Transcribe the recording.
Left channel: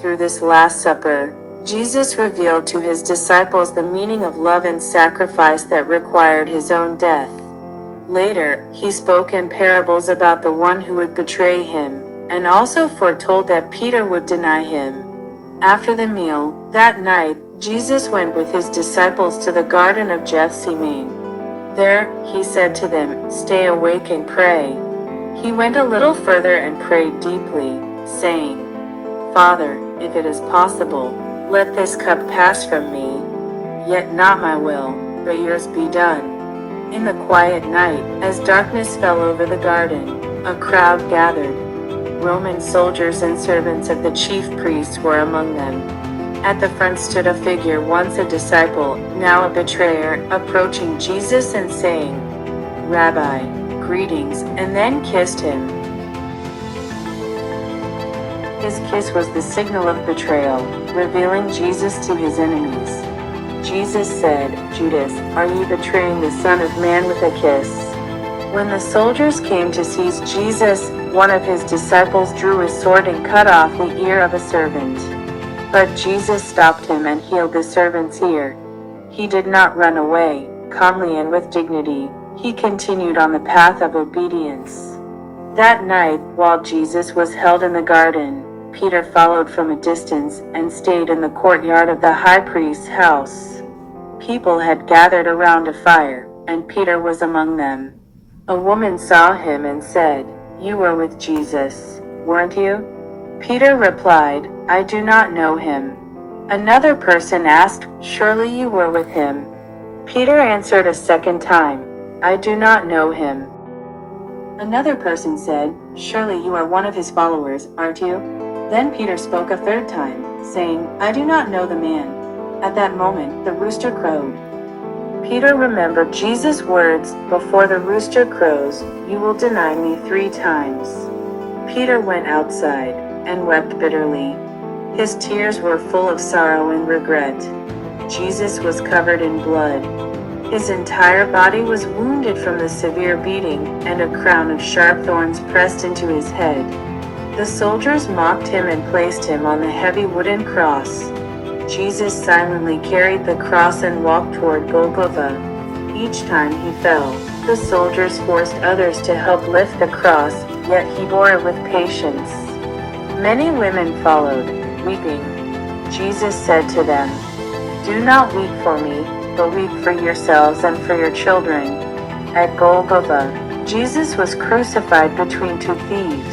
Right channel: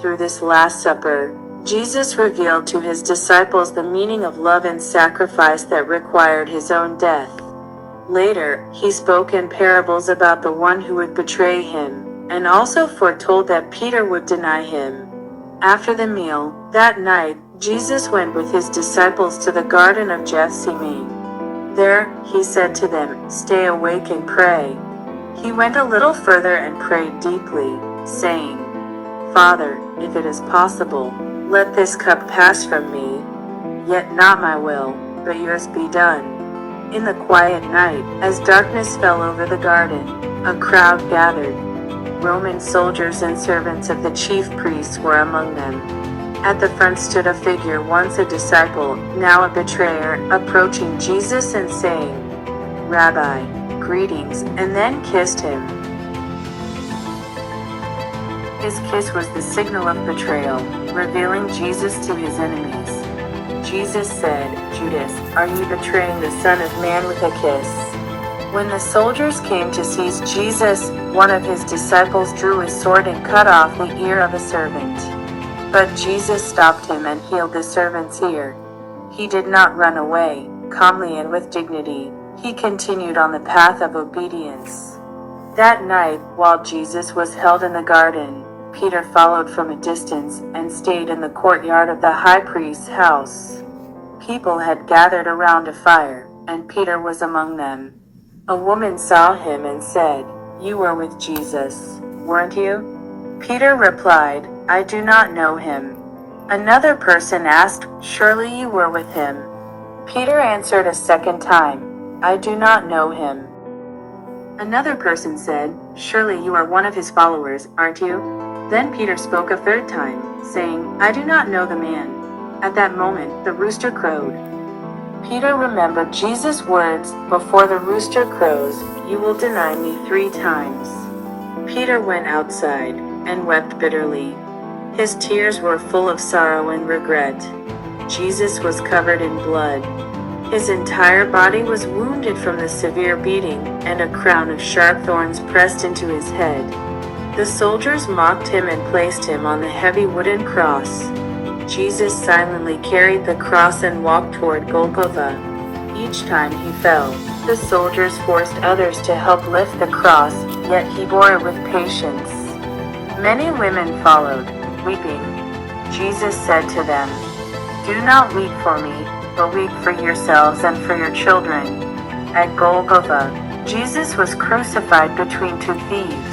Through this Last Supper, Jesus revealed to his disciples the meaning of love and sacrifice that required his own death. Later, he spoke in parables about the one who would betray him, and also foretold that Peter would deny him. After the meal, that night, Jesus went with his disciples to the Garden of Gethsemane. There, he said to them, "Stay awake and pray." He went a little further and prayed deeply, saying, "Father, if it is possible, let this cup pass from me. Yet not my will, but yours be done." In the quiet night, as darkness fell over the garden, a crowd gathered. Roman soldiers and servants of the chief priests were among them. At the front stood a figure, once a disciple, now a betrayer, approaching Jesus and saying, "Rabbi, greetings," and then kissed him. His kiss was the signal of betrayal, revealing Jesus to his enemies. Jesus said, "Judas, are you betraying the Son of Man with a kiss?" When the soldiers came to seize Jesus, one of his disciples drew his sword and cut off the ear of a servant. But Jesus stopped him and healed the servant's ear. He did not run away. Calmly and with dignity, he continued on the path of obedience. That night, while Jesus was held in the garden, Peter followed from a distance and stayed in the courtyard of the high priest's house. People had gathered around a fire, and Peter was among them. A woman saw him and said, "You were with Jesus, weren't you?" Peter replied, "I do not know him." Another person asked, "Surely you were with him?" Peter answered a second time, "I do not know him." Another person said, "Surely you are one of his followers, aren't you?" Then Peter spoke a third time, saying, "I do not know the man." At that moment, the rooster crowed. Peter remembered Jesus' words, "Before the rooster crows, you will deny me 3 times." Peter went outside and wept bitterly. His tears were full of sorrow and regret. Jesus was covered in blood. His entire body was wounded from the severe beating, and a crown of sharp thorns pressed into his head. The soldiers mocked him and placed him on the heavy wooden cross. Jesus silently carried the cross and walked toward Golgotha. Each time he fell, the soldiers forced others to help lift the cross, yet he bore it with patience. Many women followed, weeping. Jesus said to them, "Do not weep for me, but weep for yourselves and for your children." At Golgotha, Jesus was crucified between 2 thieves.